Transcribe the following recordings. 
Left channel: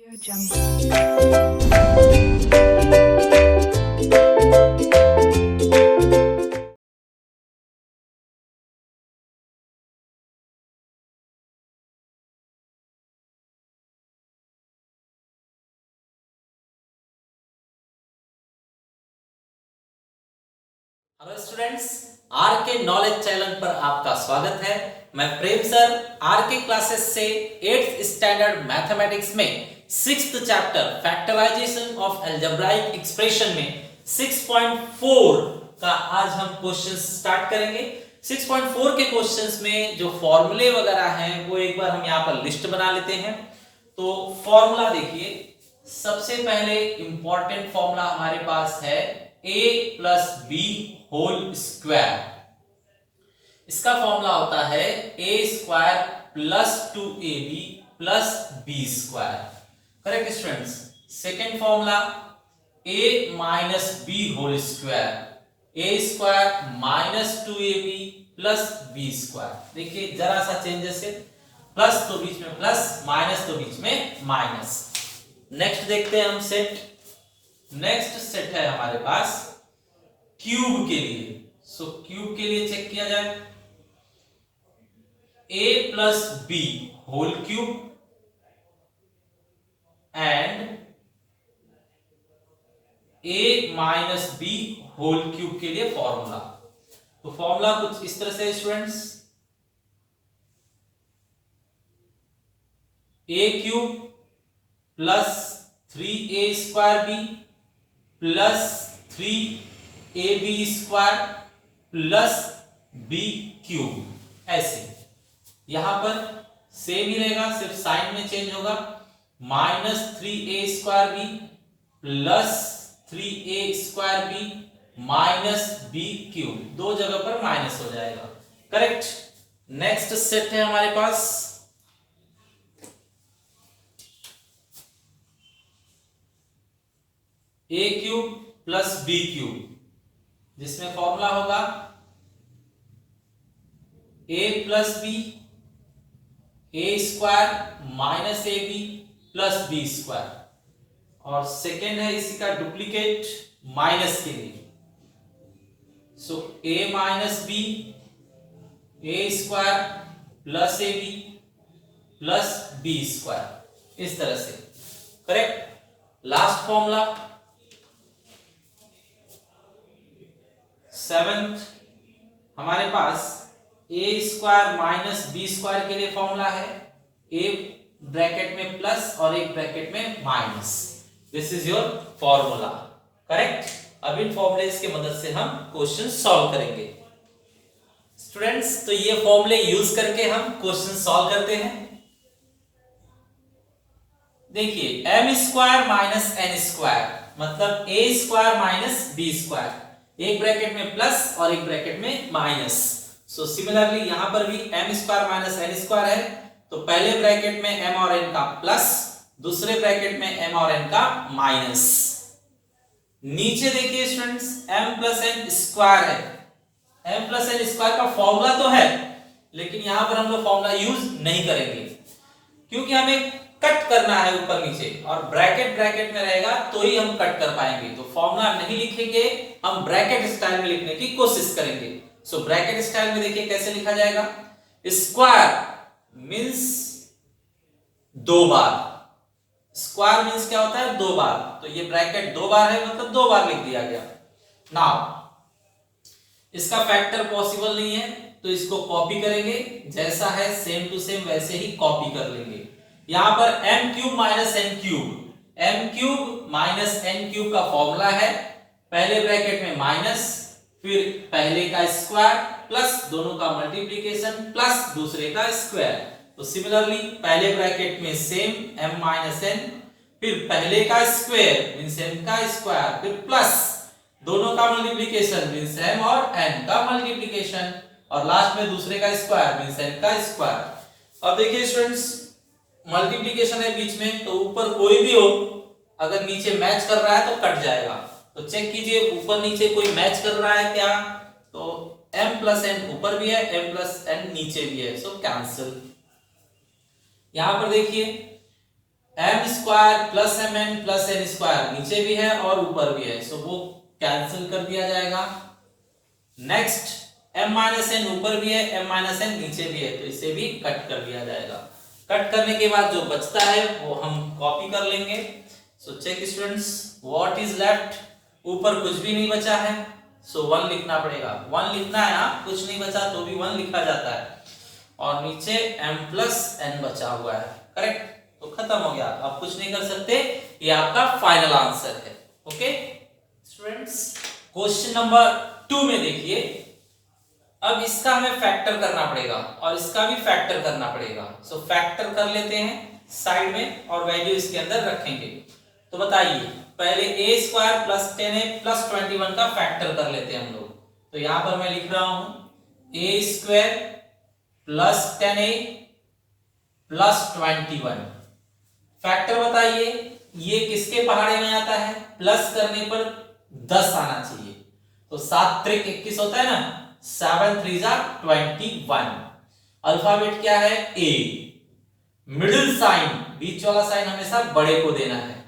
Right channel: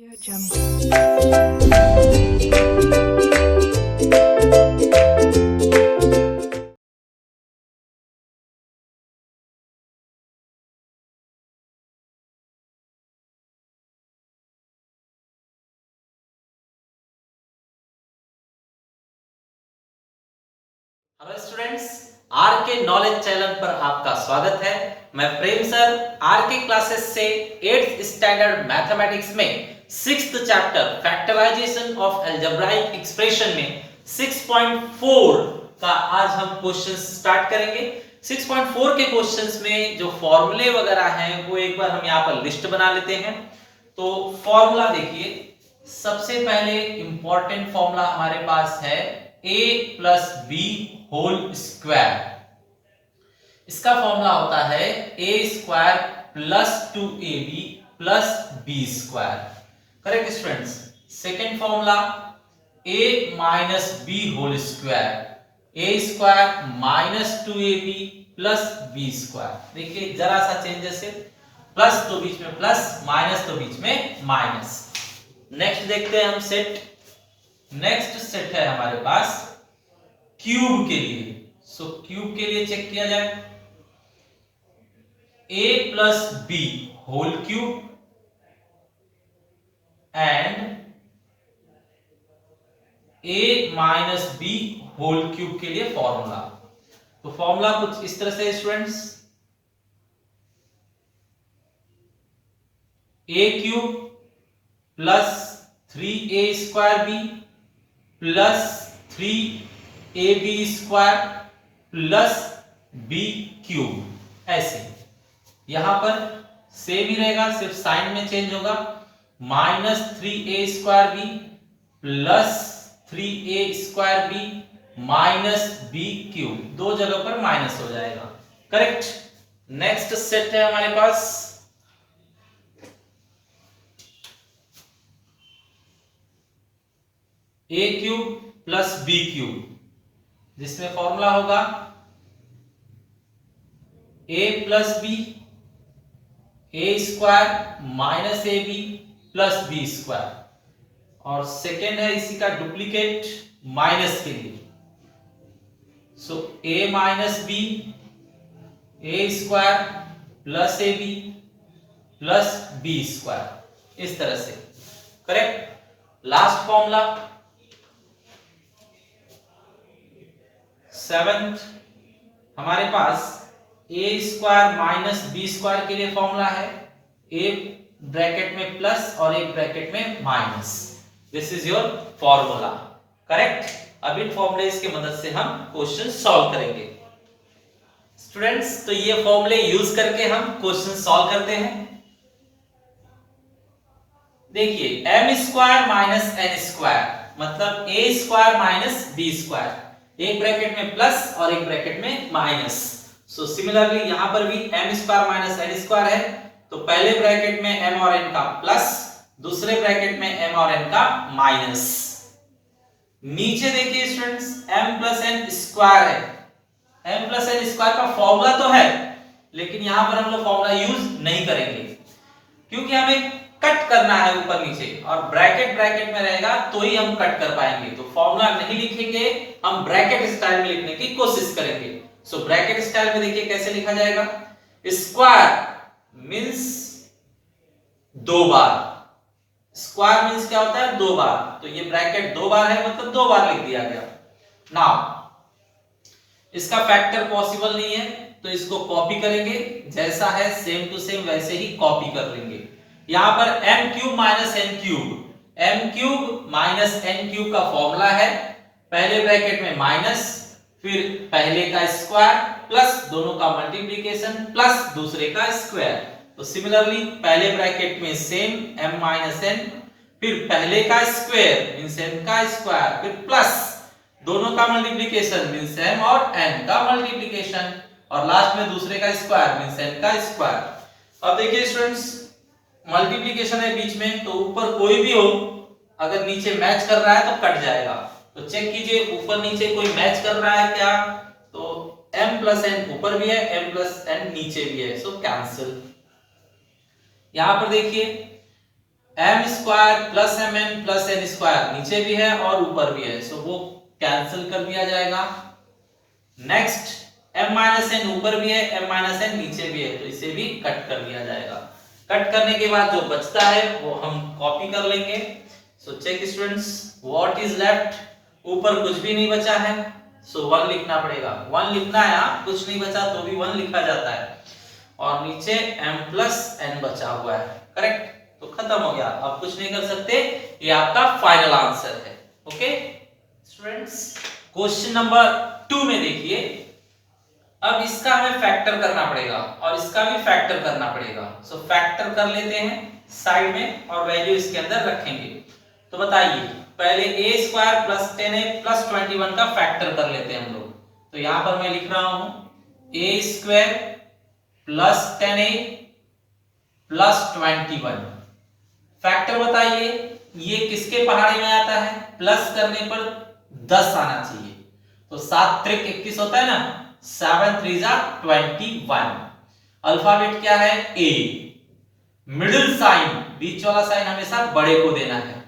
Audio Jungle. Hello students, R K knowledge channel पर आपका स्वागत है। मैं Prem sir R K classes से 8th स्टैंडर्ड मैथमेटिक्स में 6th chapter factorisation of algebraic expression में 6.4 का आज हम क्वेश्चन स्टार्ट करेंगे। 6.4 के क्वेश्चंस में जो फॉर्मूले वगैरह हैं वो एक बार हम यहाँ पर लिस्ट बना लेते हैं। तो फॉर्मूला देखिए, सबसे पहले इंपॉर्टेंट फॉर्मूला हमारे पास है a plus B whole square. इसका फॉर्मूला होता है a square plus 2ab plus B square. Correct students. Second formula a minus B whole square, a square minus 2ab plus B square. देखिए जरा सा changes है, प्लस तो बीच में plus, minus तो बीच में माइनस। नेक्स्ट देखते हैं हम सेट। नेक्स्ट सेट है हमारे पास क्यूब के लिए। सो क्यूब के लिए चेक किया जाए, a plus B whole cube and a minus B whole cube के लिए फॉर्मूला। तो फॉर्मूला कुछ इस तरह से students, a cube plus 3a square B plus 3ab square plus B cube. ऐसे यहां पर सेम ही रहेगा, सिर्फ साइन में चेंज होगा। Minus 3a square B plus 3a square B minus B cube, दो जगह पर माइनस हो जाएगा। करेक्ट। नेक्स्ट सेट है हमारे पास a cube plus B cube, जिसमें फॉर्मूला होगा a plus B A square minus A B plus B square. और सेकेंड है इसी का डुप्लीकेट माइनस के लिए। So a minus B A square plus A B plus B square, इस तरह से। करेक्ट। लास्ट फॉर्मूला सेवेंथ हमारे पास A square minus B square के लिए फॉर्मूला है एक ब्रैकेट में प्लस और एक ब्रैकेट में minus. This is your formula. Correct. अब इन फॉर्मूलेस की मदद से हम क्वेश्चन सॉल्व करेंगे स्टूडेंट्स। तो ये फॉर्मूले यूज करके हम क्वेश्चन सॉल्व करते हैं। देखिए M square minus N square मतलब A square minus B square, एक ब्रैकेट में प्लस और एक ब्रैकेट में माइनस। सो सिमिलरली यहां पर भी M square minus N square है, तो पहले ब्रैकेट में एम और एन का प्लस, दूसरे ब्रैकेट में एम और एन का माइनस। नीचे देखिए students M plus N square है। एम प्लस एन स्क्वायर का फॉर्मूला तो है, लेकिन यहां पर हम लोग फॉर्मूला यूज नहीं करेंगे क्योंकि हमें कट करना है ऊपर नीचे, और ब्रैकेट ब्रैकेट में रहेगा तो ही हम कट कर पाएंगे। तो फॉर्मूला नहीं लिखेंगे, हम ब्रैकेट स्टाइल में लिखने की कोशिश करेंगे। सो ब्रैकेट स्टाइल में देखिए कैसे लिखा जाएगा। स्क्वायर मींस दो बार, स्क्वायर मींस क्या होता है, दो बार। तो ये ब्रैकेट दो बार है मतलब दो बार लिख दिया गया। नाउ इसका फैक्टर पॉसिबल नहीं है, तो इसको कॉपी करेंगे, जैसा है सेम टू सेम वैसे ही कॉपी कर लेंगे। यहां पर M cube minus N cube, M cube minus N cube का फॉर्मूला है पहले ब्रैकेट में माइनस, फिर पहले का स्क्वायर प्लस दोनों का मल्टीप्लिकेशन प्लस दूसरे का स्क्वायर। तो सिमिलरली पहले ब्रैकेट में सेम m माइनस एन, फिर पहले का स्क्वायर मींस m का स्क्वायर, फिर प्लस दोनों का मल्टीप्लिकेशन मींस m और n का मल्टीप्लिकेशन, और लास्ट में दूसरे का स्क्वायर मींस n का स्क्वायर। अब देखिए स्टूडेंट्स मल्टीप्लिकेशन है बीच में, तो ऊपर कोई भी हो अगर नीचे मैच कर रहा है तो कट जाएगा। तो चेक कीजिए ऊपर नीचे कोई मैच कर रहा है क्या, तो m प्लस n ऊपर भी है, m प्लस n नीचे भी है, सो कैंसिल। यहां पर देखिए M square plus M N plus N square नीचे भी है और ऊपर भी है, सो वो कैंसिल कर दिया जाएगा। नेक्स्ट m माइनस एन ऊपर भी है, m माइनस एन नीचे भी है, तो इसे भी कट कर दिया जाएगा। कट करने के बाद जो बचता है वो हम कॉपी कर लेंगे। So check students, what is left, ऊपर कुछ भी नहीं बचा है, सो 1 लिखना पड़ेगा। 1 लिखना है, कुछ नहीं बचा तो भी 1 लिखा जाता है, और नीचे m प्लस n बचा हुआ है, करेक्ट। तो खत्म हो गया, अब कुछ नहीं कर सकते, ये आपका फाइनल आंसर है। ओके स्टूडेंट्स, क्वेश्चन नंबर 2 में देखिए, अब इसका हमें फैक्टर करना पड़ेगा और इसका भी फैक्टर करना पड़ेगा। सो फैक्टर कर लेते हैं साइड में और वैल्यू इसके अंदर रखेंगे। तो बताइए, पहले a square plus 10a plus 21 का फैक्टर कर लेते हैं हम लोग। तो यहां पर मैं लिख रहा हूं a square plus 10a plus 21। Factor बताइए, ये किसके पहाड़े में आता है, प्लस करने पर 10 आना चाहिए। तो 7 त्रिक 21 होता है ना, 7 3 जा 21। अल्फाबेट क्या है, ए। मिडिल साइन, बीच वाला साइन हमेशा बड़े को देना है।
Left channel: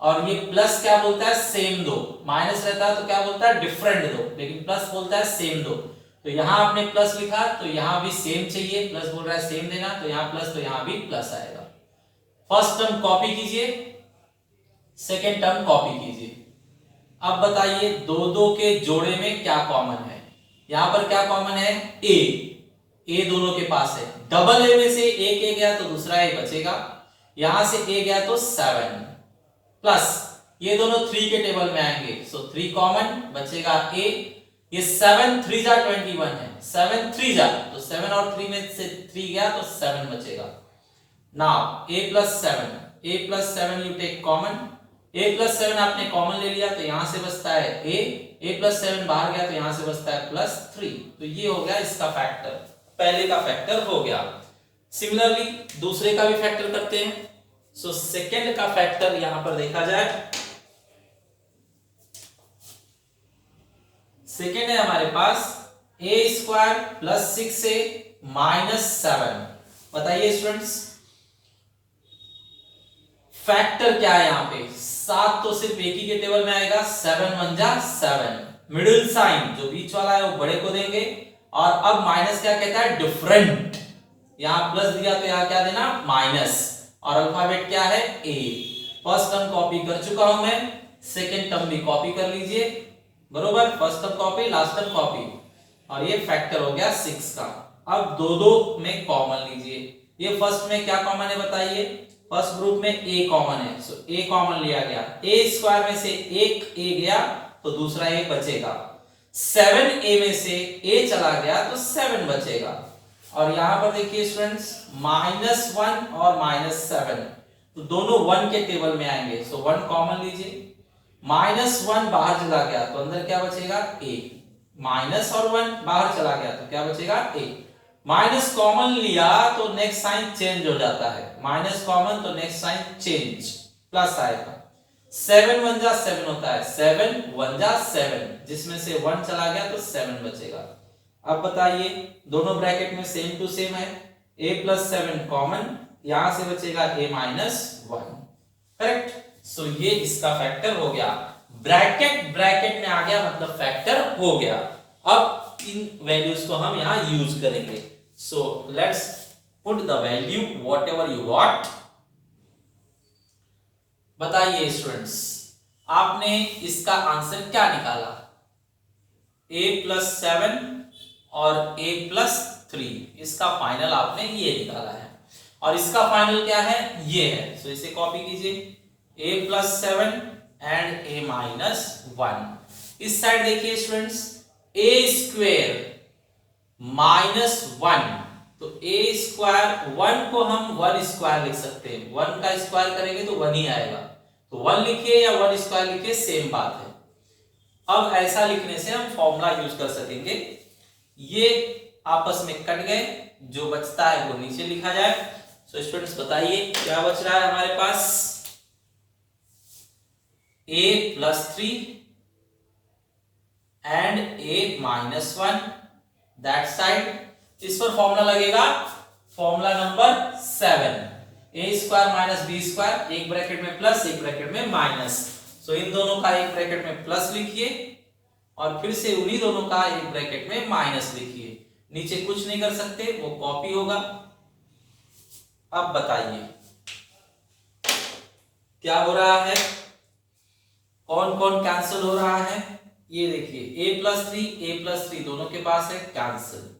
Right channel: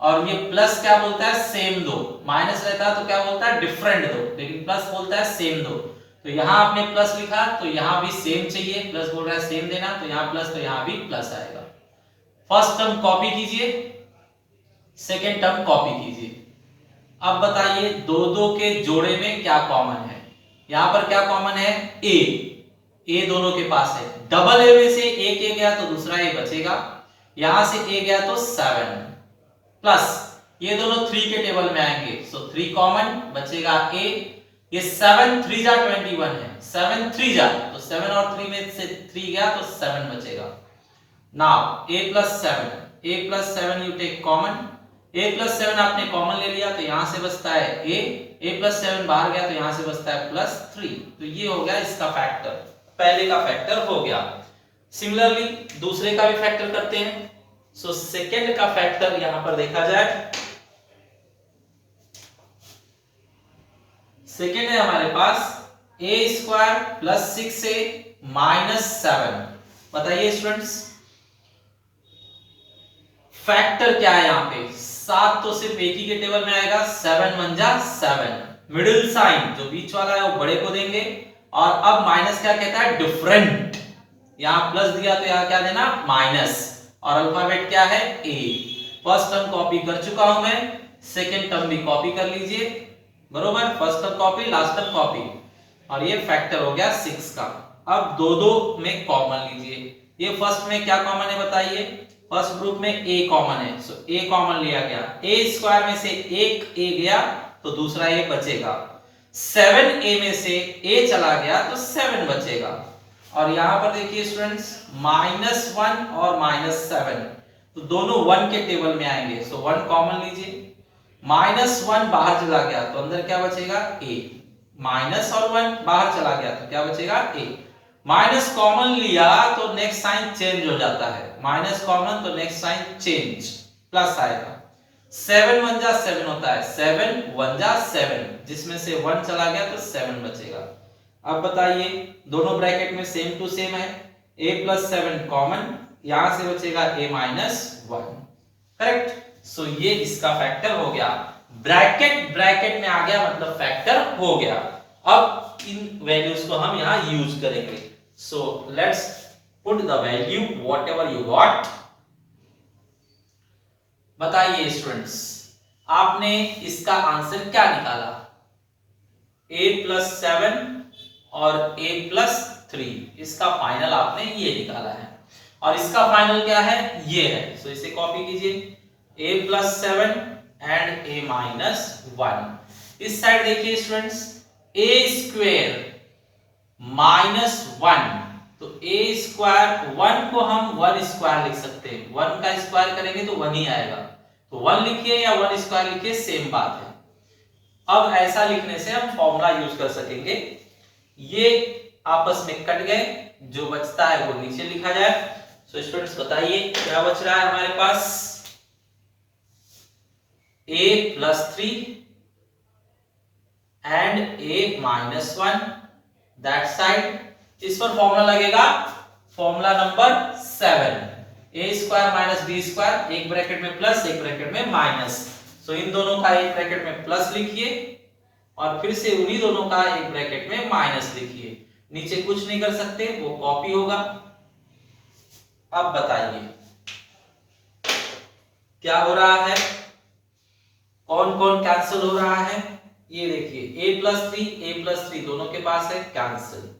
और ये प्लस क्या बोलता है, सेम दो। माइनस रहता है तो क्या बोलता है, डिफरेंट दो, लेकिन प्लस बोलता है सेम दो। तो यहां आपने प्लस लिखा तो यहां भी सेम चाहिए, प्लस बोल रहा है सेम देना, तो यहां प्लस तो यहां भी प्लस आएगा। फर्स्ट टर्म कॉपी कीजिए, सेकेंड टर्म कॉपी कीजिए। अब बताइए, दो दो के जोड़े में क्या कॉमन है, यहां पर क्या कॉमन है, ए दोनों के पास है। डबल ए में से एक ए गया तो दूसरा ए बचेगा, यहां से ए गया तो 7 प्लस ये दोनों 3 के टेबल में आएंगे, सो 3 कॉमन बचेगा ए। ये 7 3 जा 21 है, 7 3 जा तो 7 और 3 में से 3 गया तो 7 बचेगा। Now a plus 7 you take common, a plus 7 आपने कॉमन ले लिया तो यहां से बचता है a प्लस 7 बाहर गया तो यहां से बचता है प्लस 3। तो ये हो गया इसका फैक्टर, पहले का फैक्टर हो गया। सिमिलरली दूसरे का भी फैक्टर करते हैं। सो सेकंड का फैक्टर यहां पर देखा जाए, सेकंड है हमारे पास a square plus 6a minus 7। बताइए स्टूडेंट्स, फैक्टर क्या है यहाँ पे, 7 तो सिर्फ एक ही के टेबल में आएगा, 7 1 जा 7। मिडिल साइन जो बीच वाला है वो बड़े को देंगे, और अब माइनस क्या कहता है, डिफरेंट। यहां प्लस दिया तो यहां क्या देना, माइनस, और अल्फाबेट क्या है, ए। फर्स्ट टर्म कॉपी कर चुका हूं मैं, सेकंड टर्म भी कॉपी कर लीजिए, बरोबर। First term copy, last term copy, और ये फैक्टर हो गया 6 का। अब दो दो में कॉमन लीजिए, ये फर्स्ट में क्या कॉमन है बताइए, फर्स्ट ग्रुप में a कॉमन है, सो a कॉमन लिया गया, a स्क्वायर में से एक a गया तो दूसरा a बचेगा। 7a में से a चला गया तो 7 बचेगा। और यहां पर देखिए स्टूडेंट्स, -1 और -7 तो दोनों 1 के टेबल में आएंगे, सो 1 कॉमन लीजिए। -1 बाहर चला गया तो अंदर क्या बचेगा, a। माइनस और 1 बाहर चला गया तो क्या बचेगा, a। माइनस कॉमन लिया तो नेक्स्ट साइन चेंज हो जाता है, माइनस कॉमन तो नेक्स्ट साइन चेंज, प्लस आएगा। 7 1 जा 7 होता है, 7 1 जा 7, जिसमें से 1 चला गया तो 7 बचेगा। अब बताइए, दोनों ब्रैकेट में सेम टू सेम है, a प्लस 7 कॉमन, यहां से बचेगा a माइनस 1, करेक्ट। सो ये इसका फैक्टर हो गया, ब्रैकेट ब्रैकेट में आ गया मतलब फैक्टर हो गया। अब इन वैल्यूज को हम यहां यूज करेंगे। So let's put the value whatever you got. बताइए स्टूडेंट्स, आपने इसका आंसर क्या निकाला, a प्लस 7 और a प्लस 3, इसका फाइनल आपने ये निकाला है। और इसका फाइनल क्या है, ये है। सो इसे कॉपी कीजिए, a plus 7 and a minus 1। इस साइड देखिए स्टूडेंट्स, a स्क्वायर माइनस 1, तो a स्क्वायर 1 को हम 1 स्क्वायर लिख सकते हैं, 1 का स्क्वायर करेंगे तो 1 ही आएगा, तो 1 लिखिए या 1 स्क्वायर लिखिए, सेम बात है। अब ऐसा लिखने से हम फॉर्मूला यूज कर सकेंगे, ये आपस में कट गए, जो बचता है वो नीचे लिखा जाए। सो स्टूडेंट्स बताइए क्या बच रहा है हमारे पास, a plus 3 and a minus 1, that side. इस पर फॉर्मूला लगेगा, फॉर्मूला नंबर 7, ए स्क्वायर माइनस बी स्क्वायर, एक ब्रैकेट में प्लस एक ब्रैकेट में माइनस। सो इन दोनों का एक ब्रैकेट में प्लस लिखिए और फिर से उन्हीं दोनों का एक ब्रैकेट में माइनस लिखिए। नीचे कुछ नहीं कर सकते, वो कॉपी होगा। अब बताइए क्या हो रहा है, कौन कौन कैंसिल हो रहा है। ये देखिए a प्लस थ्री दोनों के पास है, कैंसिल।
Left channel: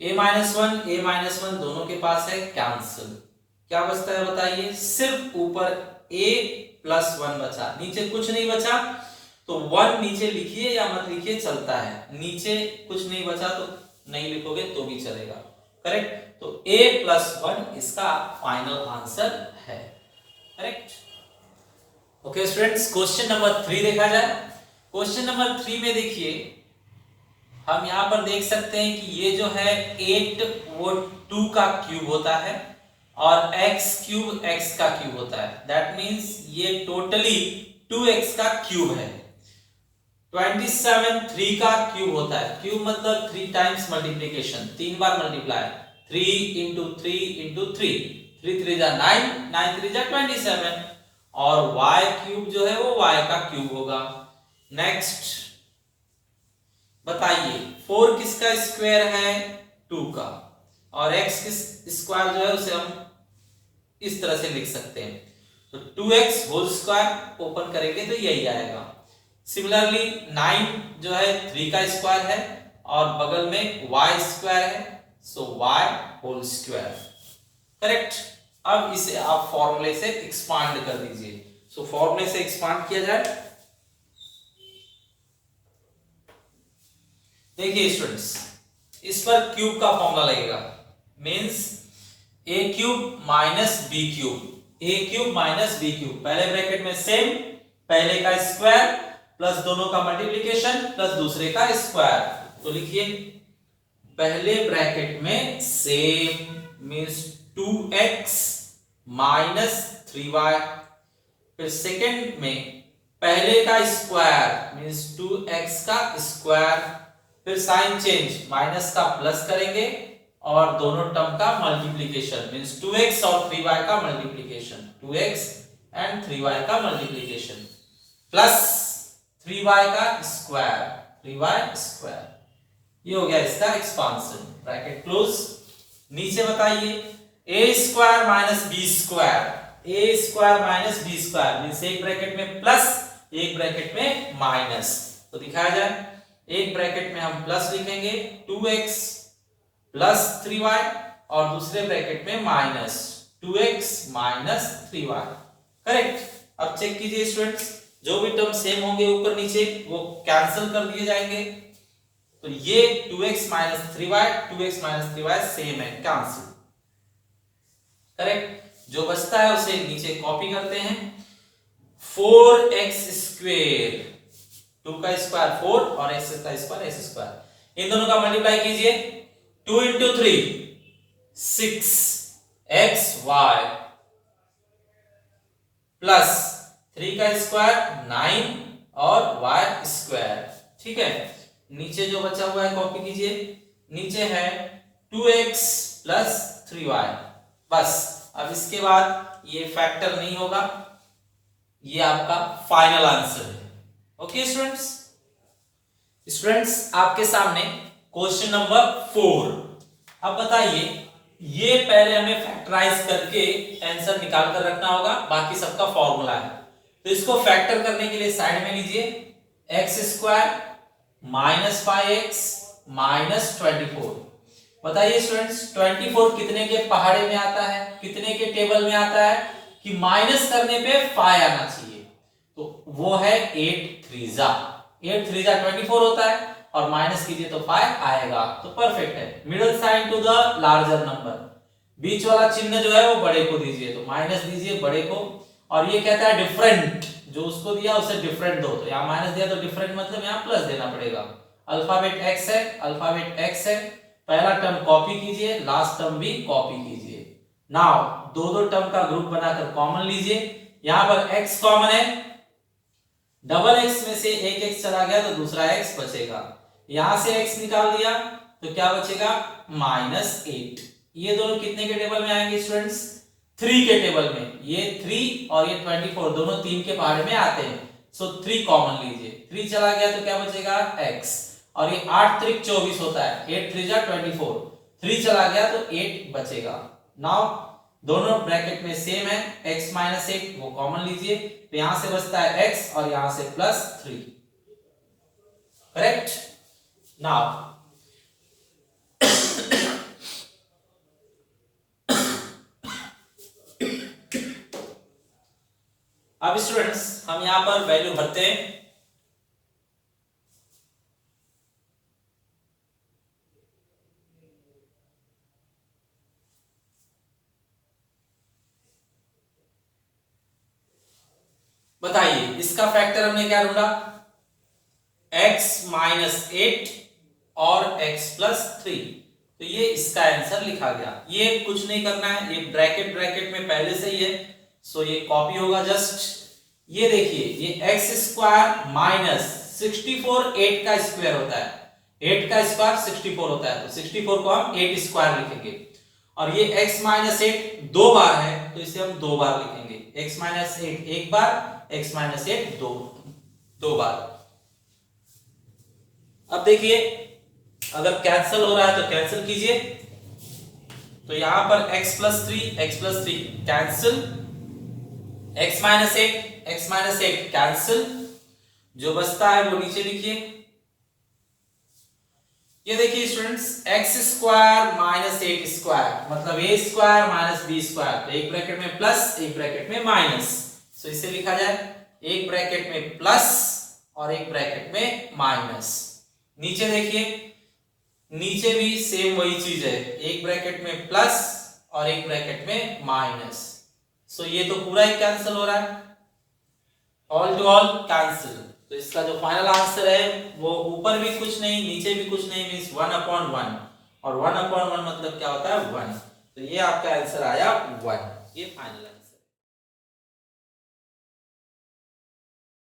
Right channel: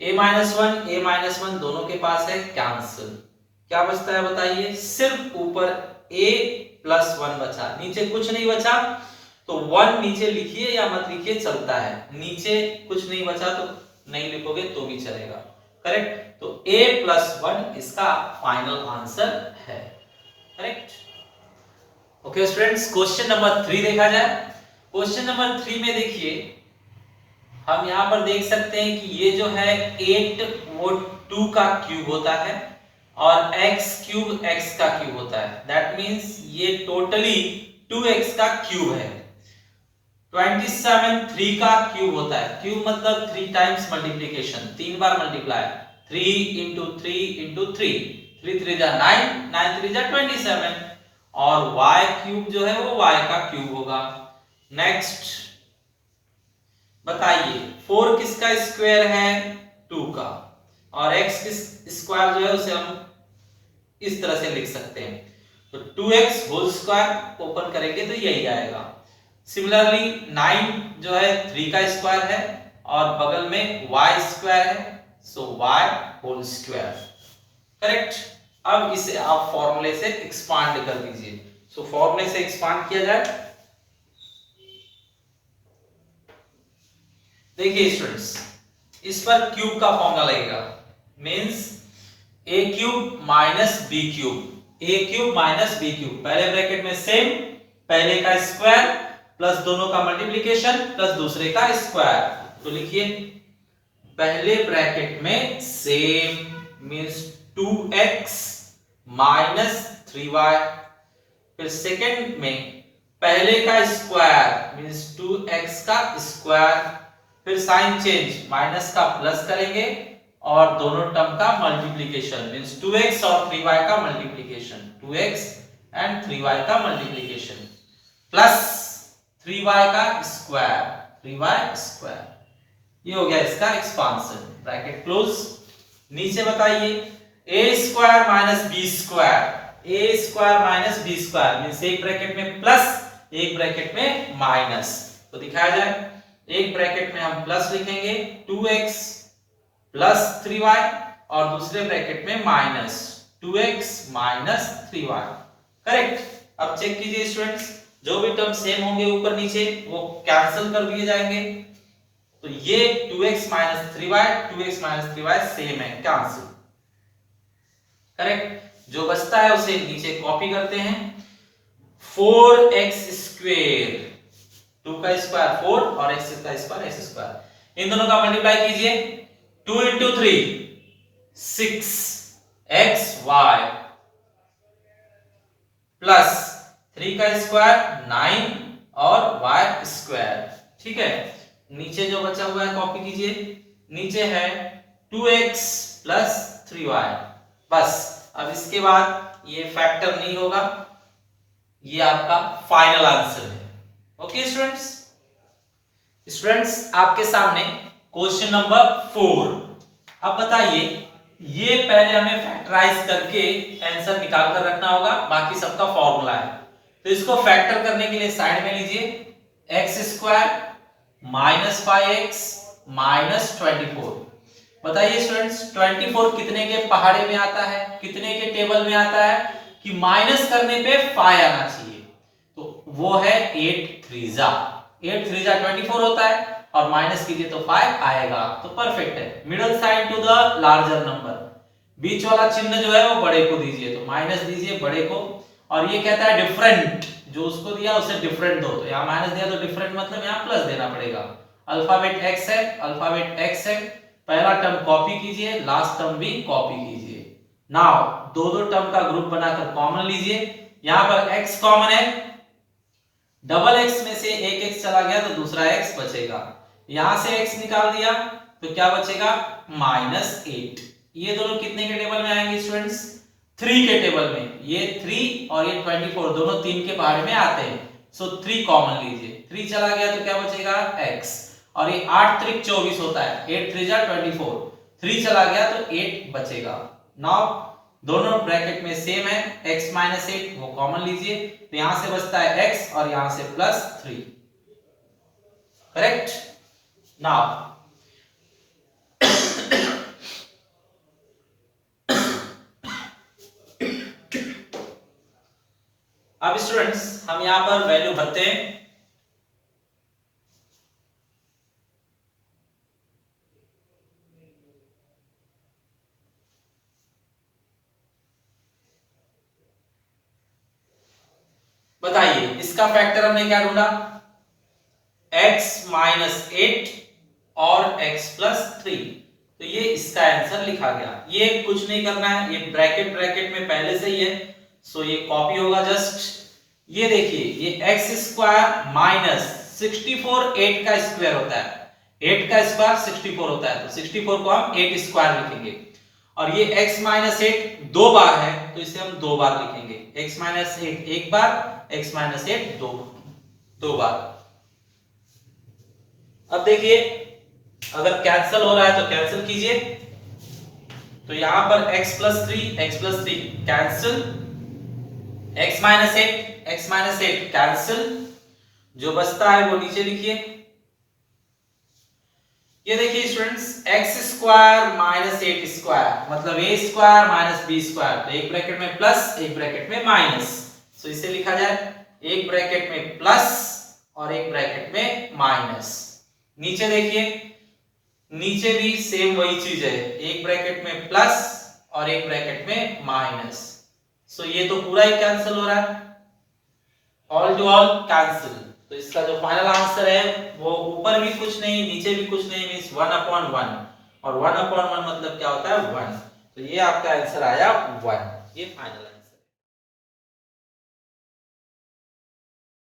a माइनस वन दोनों के पास है, कैंसिल। क्या बचता है बताइए, सिर्फ ऊपर a प्लस वन बचा, नीचे कुछ नहीं बचा। तो वन नीचे लिखिए या मत लिखिए चलता है, नीचे कुछ नहीं बचा तो नहीं लिखोगे तो भी चलेगा। करेक्ट, तो a प्लस वन इसका फाइनल आंसर है। Correct. Okay students, question number 3 देखा जाए। क्वेश्चन नंबर 3 में देखिए हम यहां पर देख सकते हैं कि ये जो है 8 वो 2 का क्यूब होता है और x क्यूब x का क्यूब होता है। दैट मींस ये टोटली 2x का क्यूब है। 27 3 का क्यूब होता है, क्यूब मतलब 3 टाइम्स मल्टीप्लिकेशन, 3 बार मल्टीप्लाई, 3 into 3 into 3, 3 3 जा 9, 9 3 जा 27 और y क्यूब जो है वो y का क्यूब होगा। नेक्स्ट बताइए 4 किसका स्क्वायर है, 2 का, और x किस स्क्वायर जो है उसे हम इस तरह से लिख सकते हैं। तो 2x होल स्क्वायर ओपन करेंगे तो यही आएगा। सिमिलरली 9 जो है 3 का स्क्वायर है और बगल में y स्क्वायर है, सो y होल स्क्वायर। करेक्ट। अब इसे आप फॉर्मूले से एक्सपांड कर दीजिए। सो फॉर्मूले से एक्सपांड किया जाए। देखिए स्टूडेंट्स, इस पर क्यूब का फॉर्मूला लगेगा, means a cube minus b cube, a cube minus b cube. पहले ब्रैकेट में सेम, पहले का स्क्वायर प्लस दोनों का मल्टीप्लिकेशन प्लस दूसरे का स्क्वायर। तो लिखिए पहले ब्रैकेट में same means 2x minus 3y, फिर सेकंड में पहले का स्क्वायर मींस 2x का स्क्वायर, फिर साइन चेंज माइनस का प्लस करेंगे और दोनों टर्म का मल्टीप्लिकेशन मींस 2x और 3y का मल्टीप्लिकेशन, 2x एंड 3y का मल्टीप्लिकेशन प्लस 3y का स्क्वायर, 3y स्क्वायर। ये हो गया इसका एक्सपांशन। Bracket close. नीचे बताइए a square minus b square, a square minus b square means एक ब्रैकेट में प्लस एक ब्रैकेट में माइनस। तो दिखाया जाए, एक ब्रैकेट में हम प्लस लिखेंगे 2x प्लस 3y और दूसरे ब्रैकेट में minus 2x minus 3y। Correct. अब चेक कीजिए स्टूडेंट्स, जो भी टर्म सेम होंगे ऊपर नीचे वो कैंसिल कर दिए जाएंगे। तो ये 2x minus 3y, 2x minus 3y same है, कैंसिल। करेक्ट। जो बचता है उसे नीचे कॉपी करते हैं। 4x स्क्वायर, 2 का स्क्वायर 4 और x का स्क्वायर x स्क्वायर, इन दोनों का मल्टीप्लाई कीजिए। 2 into 3 6xy प्लस 3 का स्क्वायर 9 और y स्क्वायर। ठीक है, नीचे जो बचा हुआ है कॉपी कीजिए। नीचे है 2x प्लस 3y। बस अब इसके बाद ये फैक्टर नहीं होगा, ये आपका फाइनल आंसर है। ओके स्टूडेंट्स, आपके सामने क्वेश्चन नंबर 4। अब बताइए, ये पहले हमें फैक्टराइज करके आंसर निकाल कर रखना होगा, बाकी सबका फॉर्मूला है। तो इसको फैक्टर करने के लिए साइड में लीजिए, x square minus 5x minus 24। बताइए स्टूडेंट्स 24 कितने के पहाड़े में आता है, कितने के टेबल में आता है कि माइनस करने पे 5 आना चाहिए। तो वो है 8 3 जा 24 होता है और माइनस कीजिए तो 5 आएगा। तो परफेक्ट है। Middle sign to the larger number, बीच वाला चिन्ह जो है वो बड़े को दीजिए, तो माइनस दीजिए बड़े को। और ये कहता है डिफरेंट, जो उसको दिया उसे डिफरेंट दो, तो यहाँ माइनस दिया तो डिफरेंट मतलब यहाँ प्लस देना पड़ेगा। अल्फाबेट x है, अल्फाबेट x है, पहला टर्म कॉपी कीजिए, लास्ट टर्म भी कॉपी कीजिए। नाउ दो टर्म का ग्रुप बनाकर कॉमन लीजिए। यहाँ पर x कॉमन है, डबल x में से एक x चला गया तो दूसरा x बचेगा। यहां से x निकाल दिया तो क्या बचेगा -8। ये दोनों कितने के टेबल में आएंगे स्टूडेंट्स, 3 के टेबल में, ये 3 और ये 24 दोनों 3 के पहाड़े में आते हैं, सो 3 कॉमन लीजिए, 3 चला गया तो क्या बचेगा x, और ये 8 त्रिक 24 होता है, 8 3 जा 24, 3 चला गया तो 8 बचेगा। नाउ दोनों ब्रैकेट में सेम है, x माइनस 8 वो कॉमन लीजिए, तो यहां से बचता है x और यहां से प्लस 3, करेक्ट। नाउ अब स्टूडेंट्स हम यहां पर वैल्यू भरते हैं। बताइए इसका फैक्टर हमने क्या ढूंढा, x माइनस 8 और x प्लस 3, तो ये इसका आंसर लिखा गया। ये कुछ नहीं करना है, ये ब्रैकेट ब्रैकेट में पहले से ही है, सो ये कॉपी होगा जस्ट। ये देखिए ये x स्क्वायर माइनस 64 8 का स्क्वायर होता है, 8 का स्क्वायर 64 होता है, तो 64 को हम 8 स्क्वायर लिखेंगे, और ये x माइनस 8 दो बार है तो इसे हम दो बार लिखेंगे, x माइनस 8 एक बार, x माइनस 8 दो बार। अब देखिए अगर कैंसिल हो रहा है तो कैंसिल कीजिए, तो यहां पर x plus 3 cancel, x minus 8 cancel, जो बचता है वो नीचे लिखिए। ये देखिए students x square minus 8 square मतलब a square minus b square, तो एक ब्रैकेट में प्लस एक ब्रैकेट में माइनस, तो इसे लिखा जाए एक ब्रैकेट में प्लस और एक ब्रैकेट में माइनस। नीचे देखिए नीचे भी सेम वही चीज है, एक ब्रैकेट में प्लस और एक ब्रैकेट में माइनस, सो ये तो पूरा ही कैंसिल हो रहा है, ऑल टू ऑल कैंसिल। तो इसका जो फाइनल आंसर है वो ऊपर भी कुछ नहीं नीचे भी कुछ नहीं, मींस 1/1, और 1/1 मतलब क्या होता है 1, तो ये आपका आंसर आया 1, ये फाइनल है।